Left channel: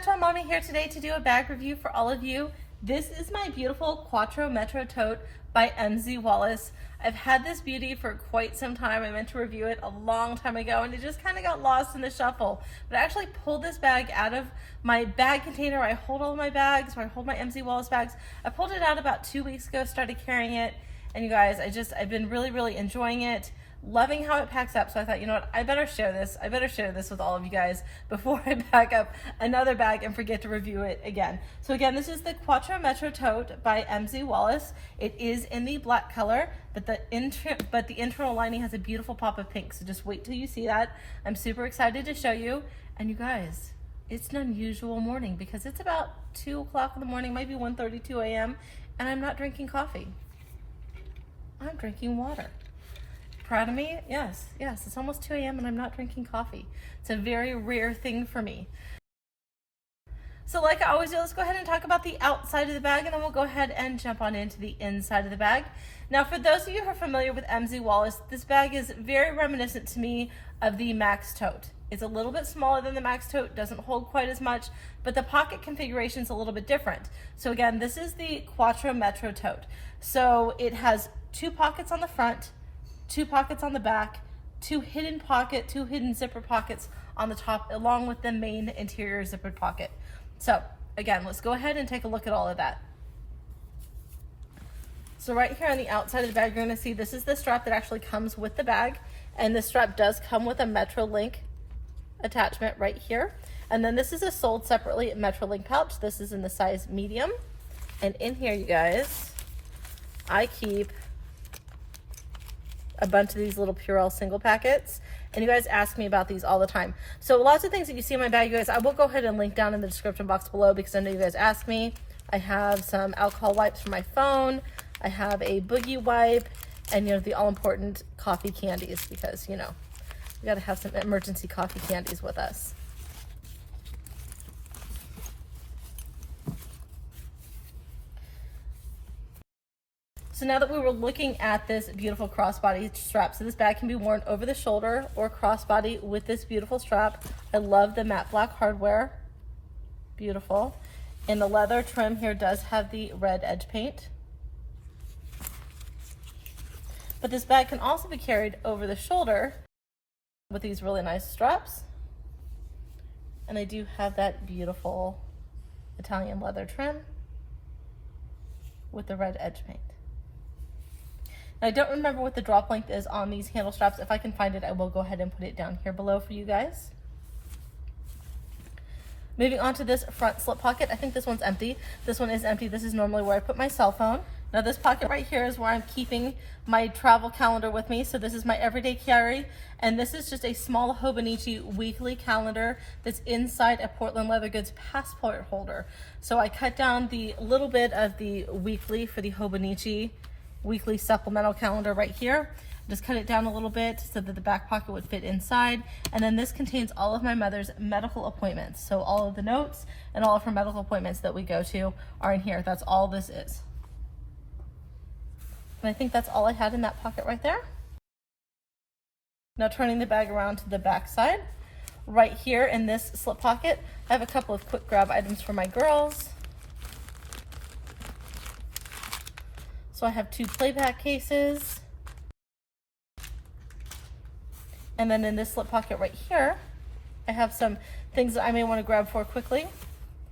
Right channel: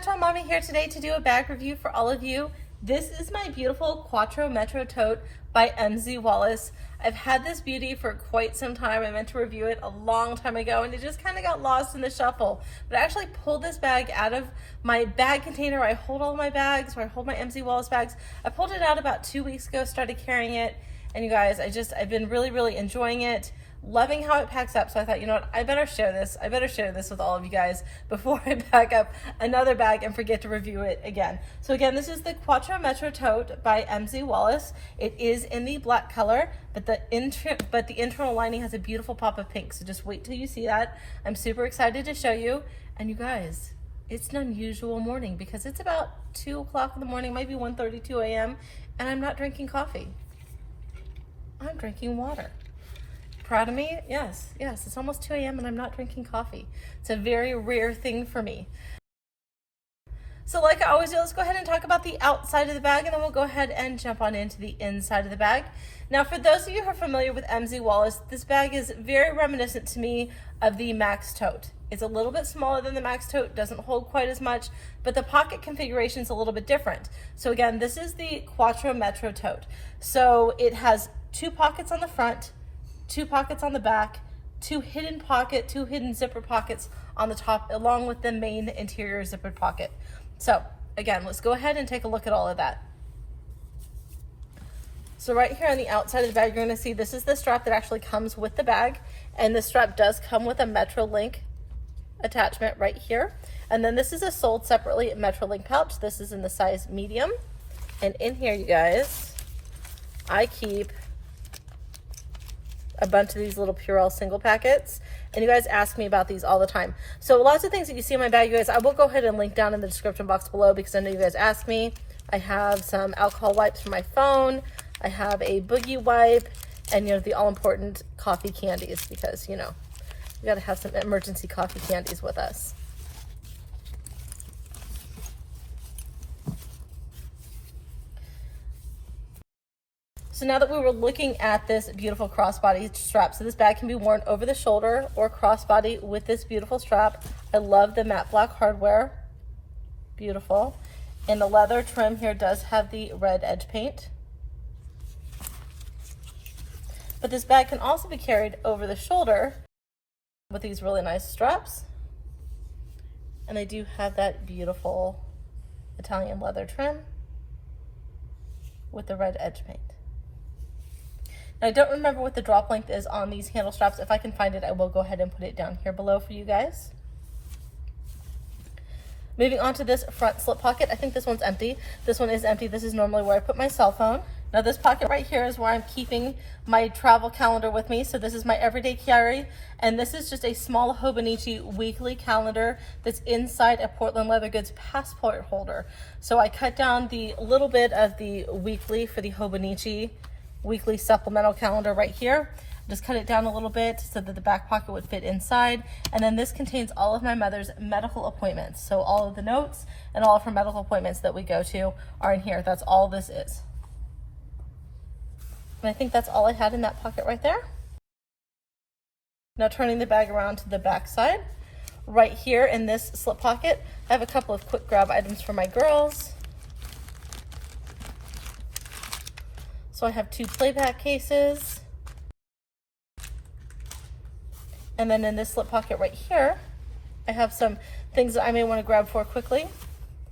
PerpetualMommy here today to do a bag review for all of you. This is my beautiful Quatro Tote by Wallace. I've had this beauty for quite some time. I meant to review it a long time ago and it just kind of got lost in the shuffle. But I actually pulled this bag out of my bag container. I hold all my bags, or I hold my Wallace bags. I pulled it out about 2 weeks ago, started carrying it. And you guys, I've been really enjoying it. Loving how it packs up, so I thought, you know what, I better share this with all of you guys before I pack up another bag and forget to review it again. So again, this is the Quatro Tote by Wallace. It is in the black color, but the internal lining has a beautiful pop of pink, so just wait till you see that. I'm super excited to show you. And you guys, it's an unusual morning because it's about 2 o'clock in the morning, maybe 1:32 a.m., and I'm not drinking coffee. I'm drinking water. Proud of me? Yes, it's almost 2 a.m. and I'm not drinking coffee. It's a very rare thing for me. So like I always do, let's go ahead and talk about the outside of the bag and then we'll go ahead and jump on into the inside of the bag. Now for those of you who are familiar with Wallace, this bag is very reminiscent to me of the Maskc tote. It's a little bit smaller than the Maskc tote, doesn't hold quite as much, but the pocket configuration is a little bit different. So again, this is the Quatro tote. So it has 2 pockets on the front, 2 pockets on the back, 2 hidden zipper pockets on the top, along with the main interior zippered pocket. So again, let's go ahead and take a look at all of that. So right here on the outside of the bag, you're gonna see this is the strap that actually comes with the bag. And the strap does come with a MetroLink attachment right here. And then this is a sold separately MetroLink pouch. This is in the size medium. And in here, you guys, I keep a bunch of these little Purell single packets, and you guys ask me about these all the time. So lots of things that you see in my bag, you guys, I will go ahead and link down in the description box below because I know you guys ask me. I have some alcohol wipes for my phone. I have a boogie wipe, and you know, the all-important coffee candies because, you know, we gotta have some emergency coffee candies with us. So now that we were looking at this beautiful crossbody strap, so this bag can be worn over the shoulder or crossbody with this beautiful strap. I love the matte black hardware, beautiful. And the leather trim here does have the red edge paint. But this bag can also be carried over the shoulder with these really nice straps. And they do have that beautiful Italian leather trim with the red edge paint. Now, I don't remember what the drop length is on these handle straps. If I can find it, I will go ahead and put it down here below for you guys. Moving on to this front slip pocket. I think this one's empty. This one is empty. This is normally where I put my cell phone. Now this pocket right here is where I'm keeping my travel calendar with me. So this is my everyday carry. And this is just a small Hobonichi weekly calendar that's inside a Portland Leather Goods passport holder. So I cut down the little bit of the weekly for the Hobonichi weekly supplemental calendar right here. Just cut it down a little bit so that the back pocket would fit inside. And then this contains all of my mother's medical appointments. So all of the notes and all of her medical appointments that we go to are in here. That's all this is. And I think that's all I had in that pocket right there. Now turning the bag around to the back side. Right here in this slip pocket, I have a couple of quick grab items for my girls. So I have 2 playback cases. And then in this slip pocket right here, I have some things that I may want to grab for quickly.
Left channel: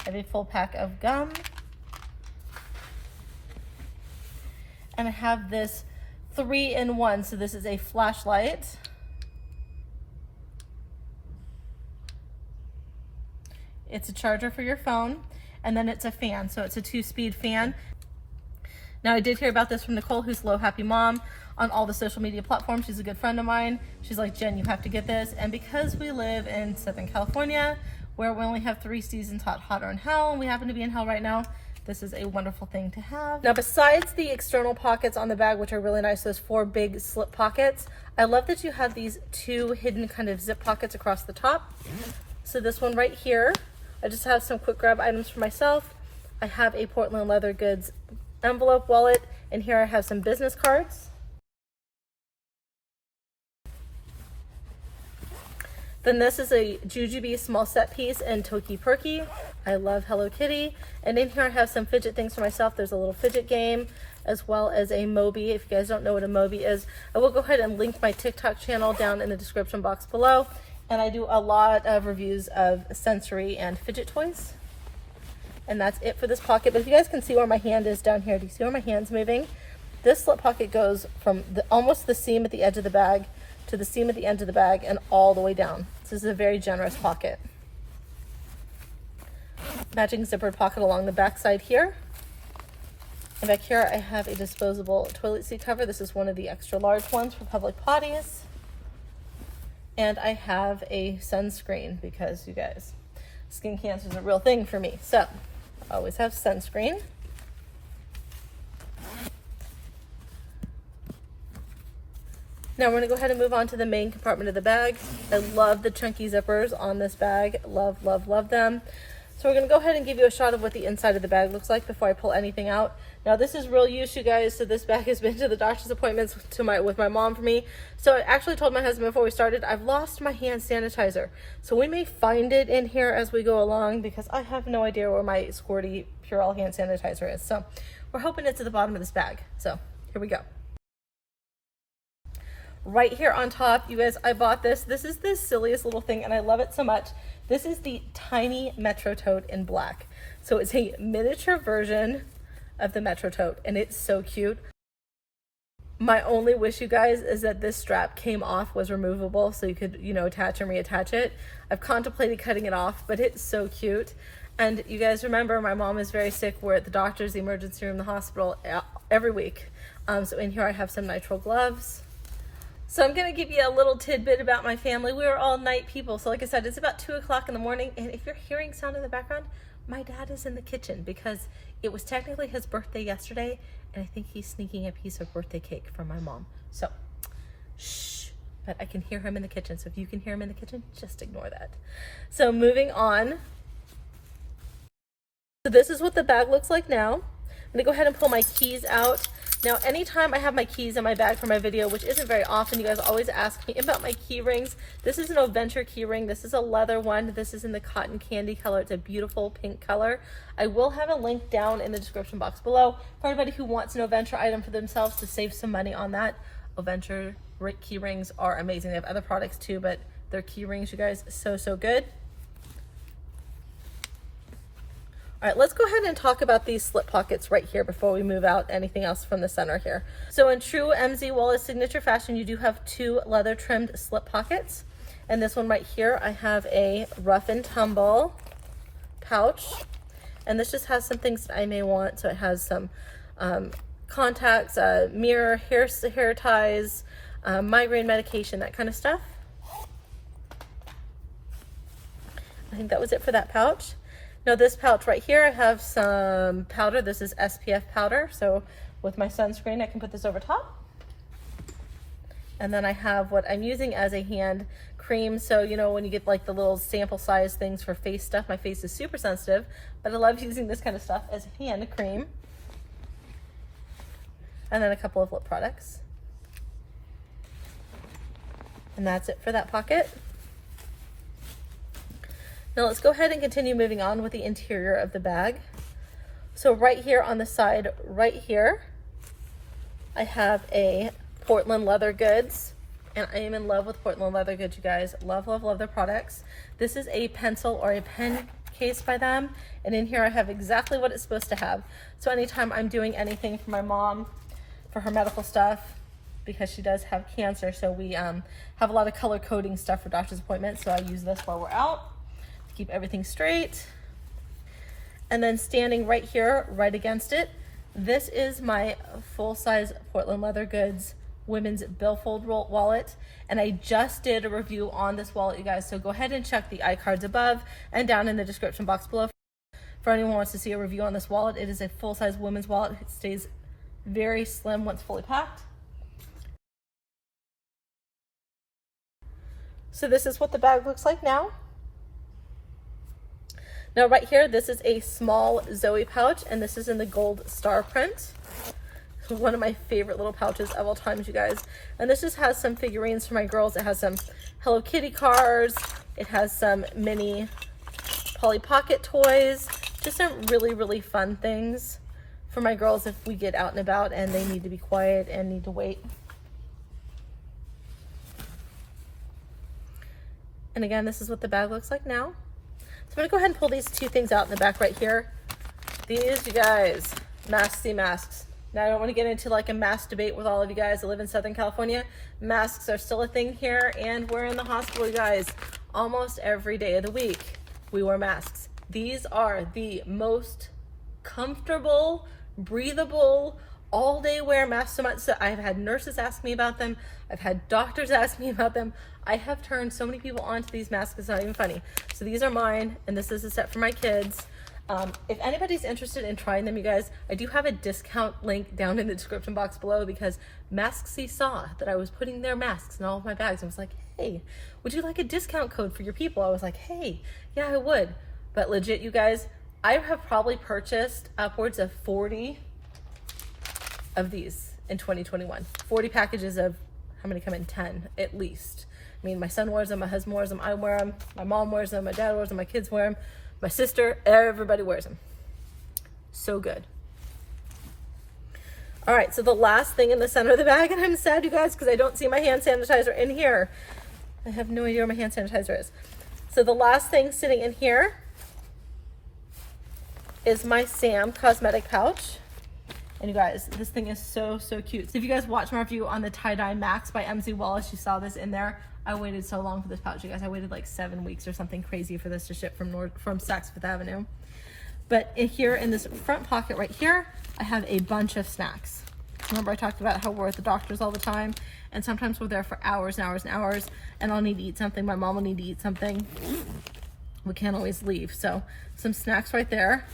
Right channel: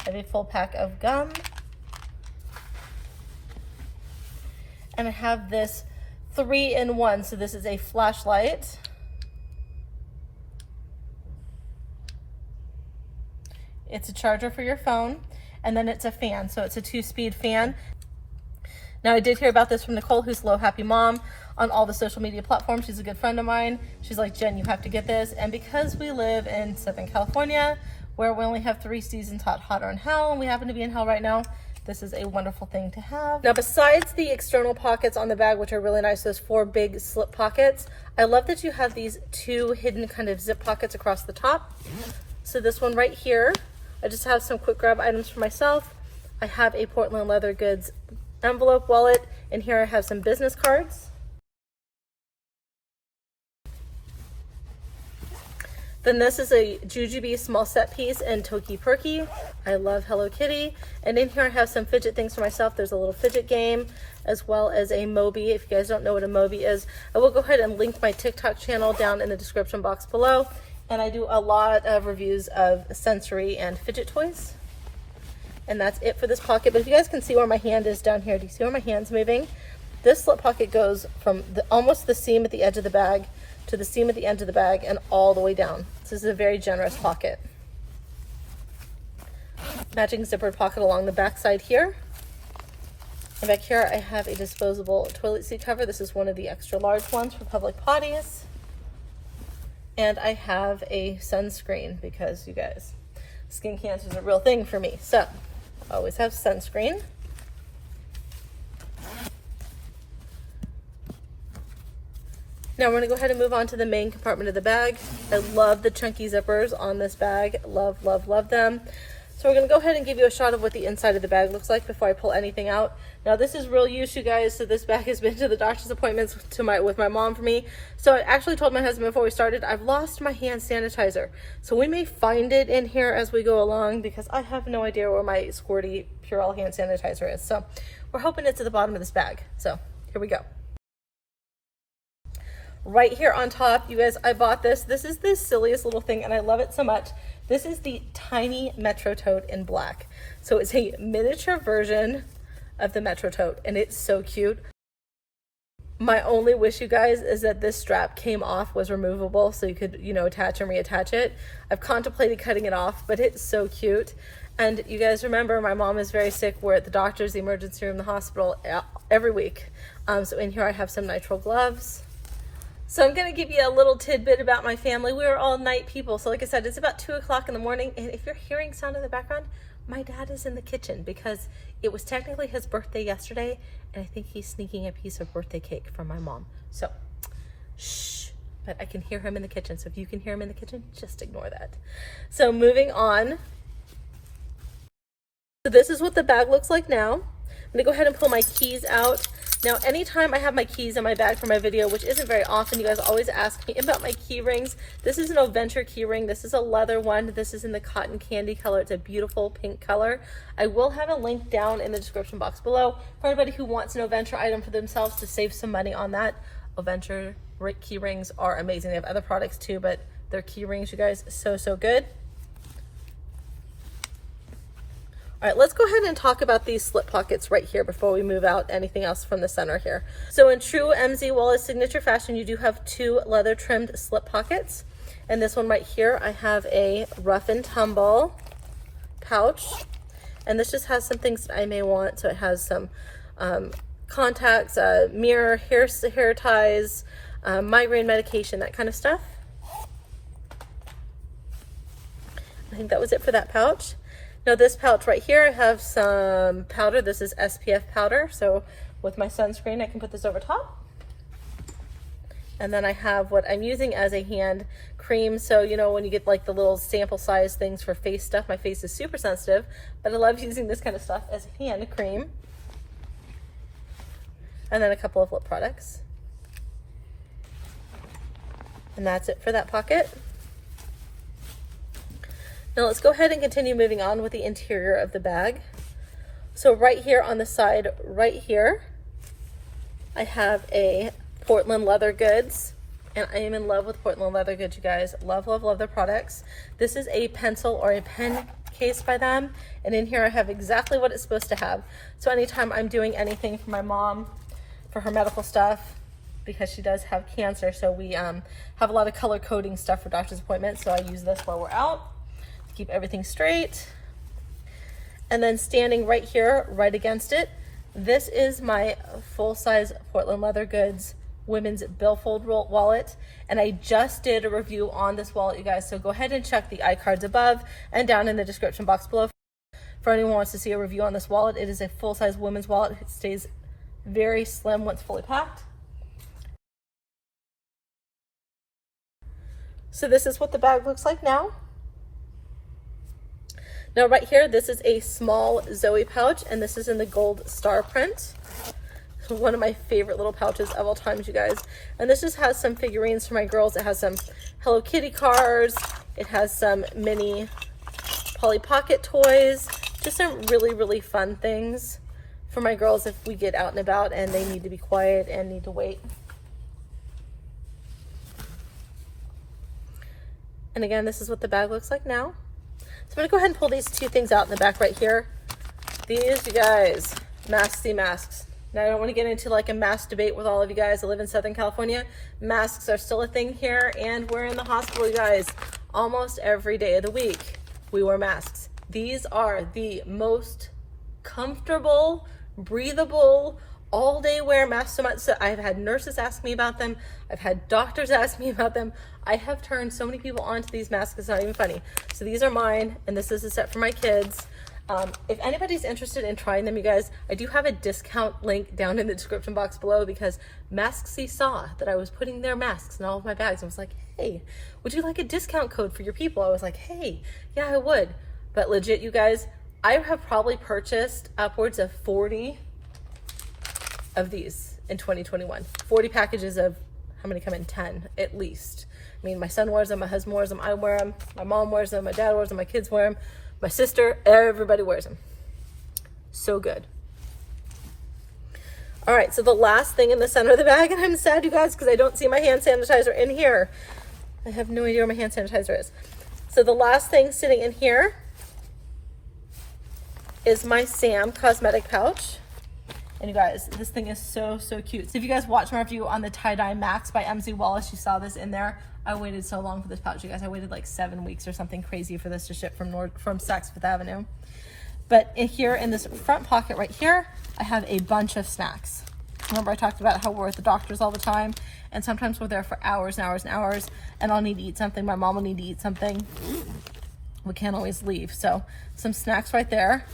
I have a full pack of gum. And I have this 3-in-1. So this is a flashlight. It's a charger for your phone. And then it's a fan. So it's a 2-speed fan. Now I did hear about this from Nicole, who's Low Happy Mom on all the social media platforms. She's a good friend of mine. She's like, Jen, you have to get this. And because we live in Southern California, where we only have 3 seasons, hot, hotter, and hell, and we happen to be in hell right now, this is a wonderful thing to have. Now besides the external pockets on the bag, which are really nice, those 4 big slip pockets, I love that you have these 2 hidden kind of zip pockets across the top. So this one right here, I just have some quick grab items for myself. I have a Portland Leather Goods envelope wallet, and here I have some business cards. Then this is a Jujube small set piece in Toki Perky. I love Hello Kitty. And in here I have some fidget things for myself. There's a little fidget game, as well as a Moby. If you guys don't know what a Moby is, I will go ahead and link my TikTok channel down in the description box below. And I do a lot of reviews of sensory and fidget toys. And that's it for this pocket. But if you guys can see where my hand is down here, do you see where my hand's moving? This slip pocket goes from almost the seam at the edge of the bag to the seam at the end of the bag and all the way down. This is a very generous pocket. Matching zippered pocket along the back side here. And back here I have a disposable toilet seat cover. This is one of the extra large ones for public potties. And I have a sunscreen because, you guys, skin cancer is a real thing for me. So I always have sunscreen. Now we're gonna go ahead and move on to the main compartment of the bag. I love the chunky zippers on this bag. Love, love, love them. So we're gonna go ahead and give you a shot of what the inside of the bag looks like before I pull anything out. Now this is real use, you guys. So this bag has been to the doctor's appointments with my mom for me. So I actually told my husband before we started, I've lost my hand sanitizer. So we may find it in here as we go along because I have no idea where my Squirty Purell hand sanitizer is. So we're hoping it's at the bottom of this bag. So here we go. Right here on top, you guys, I bought this. This is the silliest little thing and I love it so much. This is the tiny Metro Tote in black. So it's a miniature version of the Metro Tote and it's so cute. My only wish, you guys, is that this strap came off, was removable, so you could, you know, attach and reattach it. I've contemplated cutting it off, but it's so cute. And you guys remember, my mom is very sick. We're at the doctor's, the emergency room, the hospital every week. So in here I have some nitrile gloves. So I'm gonna give you a little tidbit about my family. We are all night people. So like I said, it's about 2 o'clock in the morning. And if you're hearing sound in the background, my dad is in the kitchen because it was technically his birthday yesterday. And I think he's sneaking a piece of birthday cake from my mom. So, shh, but I can hear him in the kitchen. So if you can hear him in the kitchen, just ignore that. So moving on. So this is what the bag looks like now. I'm gonna go ahead and pull my keys out. Now, anytime I have my keys in my bag for my video, which isn't very often, you guys always ask me about my key rings. This is an Oventure key ring. This is a leather one. This is in the cotton candy color. It's a beautiful pink color. I will have a link down in the description box below for anybody who wants an Oventure item for themselves to save some money on that. Oventure key rings are amazing. They have other products too, but their key rings, you guys, so, so good. All right, let's go ahead and talk about these slip pockets right here before we move out anything else from the center here. So in true MZ Wallace signature fashion, you do have 2 leather trimmed slip pockets. And this one right here, I have a rough and tumble pouch. And this just has some things I may want. So it has some contacts, mirror, hair ties, migraine medication, that kind of stuff. I think that was it for that pouch. Now this pouch right here, I have some powder. This is SPF powder. So with my sunscreen, I can put this over top. And then I have what I'm using as a hand cream. So, you know, when you get like the little sample size things for face stuff, my face is super sensitive, but I love using this kind of stuff as a hand cream. And then a couple of lip products. And that's it for that pocket. Now let's go ahead and continue moving on with the interior of the bag. So right here on the side, right here, I have a Portland leather goods. And I am in love with Portland leather goods, you guys. Love, love, love their products. This is a pencil or a pen case by them. And in here I have exactly what it's supposed to have. So anytime I'm doing anything for my mom, for her medical stuff, because she does have cancer, so we have a lot of color coding stuff for doctor's appointments. So I use this while we're out. Keep everything straight. And then standing right here, right against it, this is my full-size Portland leather goods women's billfold wallet. And I just did a review on this wallet, you guys. So go ahead and check the iCards above and down in the description box below. For anyone who wants to see a review on this wallet, it is a full-size women's wallet. It stays very slim once fully packed. So this is what the bag looks like now. Now right here, this is a small Zoe pouch, and this is in the gold star print. So one of my favorite little pouches of all time, you guys. And this just has some figurines for my girls. It has some Hello Kitty cards. It has some mini Polly Pocket toys. Just some really, really fun things for my girls if we get out and about and they need to be quiet and need to wait. And again, this is what the bag looks like now. So I'm gonna go ahead and pull these two things out in the back right here. These, you guys, Maskc masks. Now I don't want to get into like a mask debate with all of you guys that live in Southern California. Masks are still a thing here, and we're in the hospital, you guys. Almost every day of the week, we wear masks. These are the most comfortable, breathable, all-day wear masks. So much so I've had nurses ask me about them. I've had doctors ask me about them. I have turned so many people onto these masks, it's not even funny. So these are mine, and this is a set for my kids. If anybody's interested in trying them, you guys, I do have a discount link down in the description box below, because Maskc saw that I was putting their masks in all of my bags and was like, hey, would you like a discount code for your people? I was like, hey, yeah, I would. But legit, you guys, I have probably purchased upwards of 40 of these in 2021. 40 packages of, how many come in? 10 at least. I mean, my son wears them, my husband wears them, I wear them, my mom wears them, my dad wears them, my kids wear them, my sister, everybody wears them. So good. All right, so the last thing in the center of the bag, and I'm sad, you guys, because I don't see my hand sanitizer in here. I have no idea where my hand sanitizer is. So the last thing sitting in here is my Sam cosmetic pouch. And you guys, this thing is so, so cute. So if you guys watched my review on the tie-dye Maskc by Wallace, you saw this in there. I waited so long for this pouch, you guys. I waited like 7 weeks or something crazy for this to ship from Saks Fifth Avenue. But in here, in this front pocket right here, I have a bunch of snacks. Remember I talked about how we're at the doctor's all the time, and sometimes we're there for hours and hours and hours, and I'll need to eat something, my mom will need to eat something. We can't always leave. So some snacks right there.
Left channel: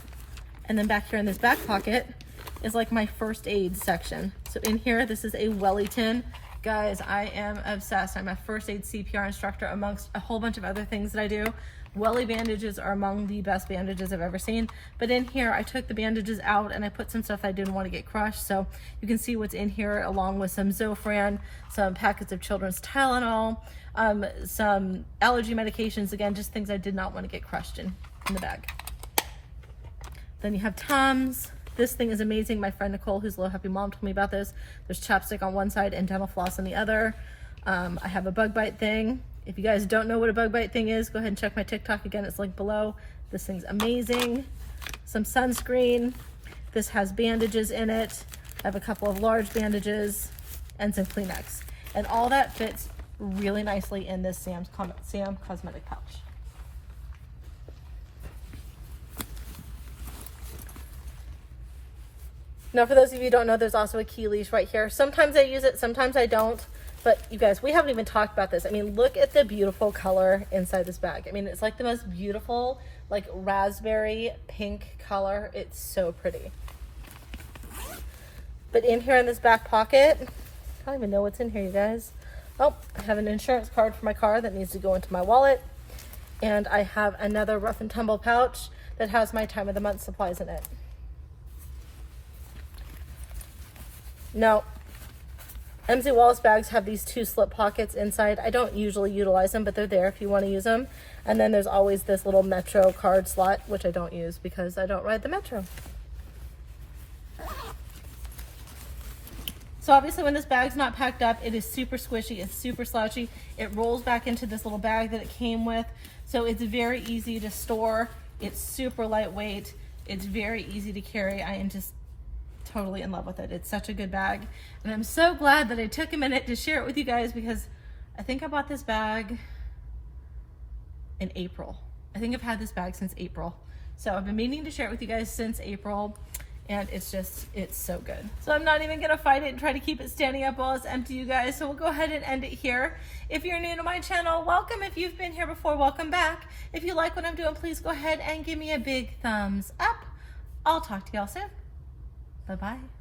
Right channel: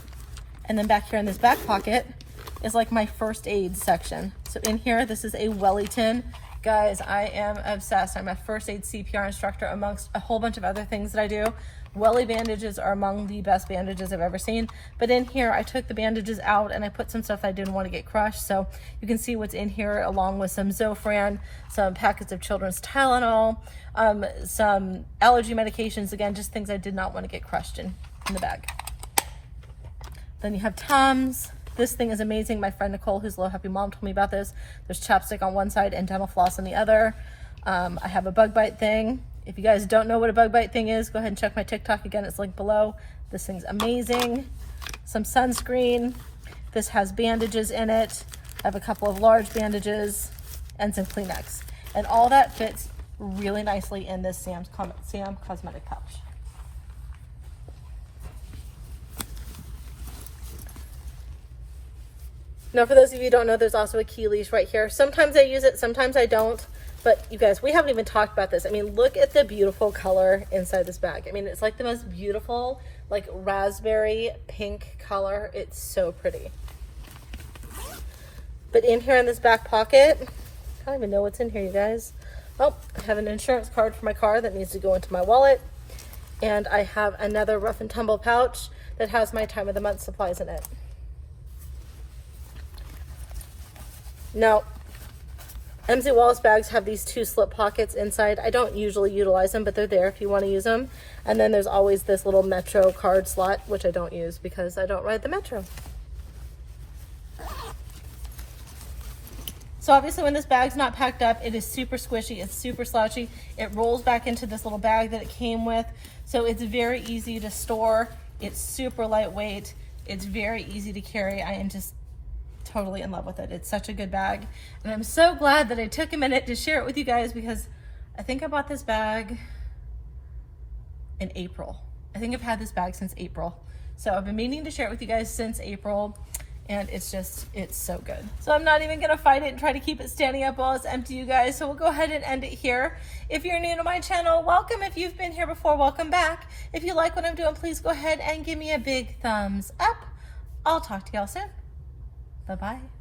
And then back here in this back pocket is like my first aid section. So in here, this is a welly tin. Guys, I am obsessed. I'm a first aid CPR instructor amongst a whole bunch of other things that I do. Welly bandages are among the best bandages I've ever seen. But in here, I took the bandages out and I put some stuff I didn't want to get crushed. So you can see what's in here, along with some Zofran, some packets of children's Tylenol, some allergy medications. Again, just things I did not want to get crushed in the bag. Then you have Tums. This thing is amazing. My friend Nicole, who's a Low Happy Mom, told me about this. There's chapstick on one side and dental floss on the other. I have a bug bite thing. If you guys don't know what a bug bite thing is, go ahead and check my TikTok. Again, it's linked below. This thing's amazing. Some sunscreen. This has bandages in it. I have a couple of large bandages and some Kleenex. And all that fits really nicely in this Sam cosmetic pouch. Now, for those of you who don't know, there's also a key leash right here. Sometimes I use it, sometimes I don't. But you guys, we haven't even talked about this. I mean, look at the beautiful color inside this bag. I mean, it's like the most beautiful, like raspberry pink color. It's so pretty. But in here in this back pocket, I don't even know what's in here, you guys. Oh, I have an insurance card for my car that needs to go into my wallet. And I have another rough and tumble pouch that has my time of the month supplies in it. Now, Wallace bags have these 2 slip pockets inside. I don't usually utilize them, but they're there if you want to use them. And then there's always this little Metro card slot, which I don't use because I don't ride the Metro. So obviously when this bag's not packed up, it is super squishy, it's super slouchy. It rolls back into this little bag that it came with. So it's very easy to store. It's super lightweight. It's very easy to carry. I am just totally in love with it. It's such a good bag. And I'm so glad that I took a minute to share it with you guys, because I think I bought this bag in April. I think I've had this bag since April. So I've been meaning to share it with you guys since April, and it's so good. So I'm not even gonna fight it and try to keep it standing up while it's empty, you guys. So we'll go ahead and end it here. If you're new to my channel, welcome. If you've been here before, welcome back. If you like what I'm doing, please go ahead and give me a big thumbs up. I'll talk to y'all soon. Bye-bye.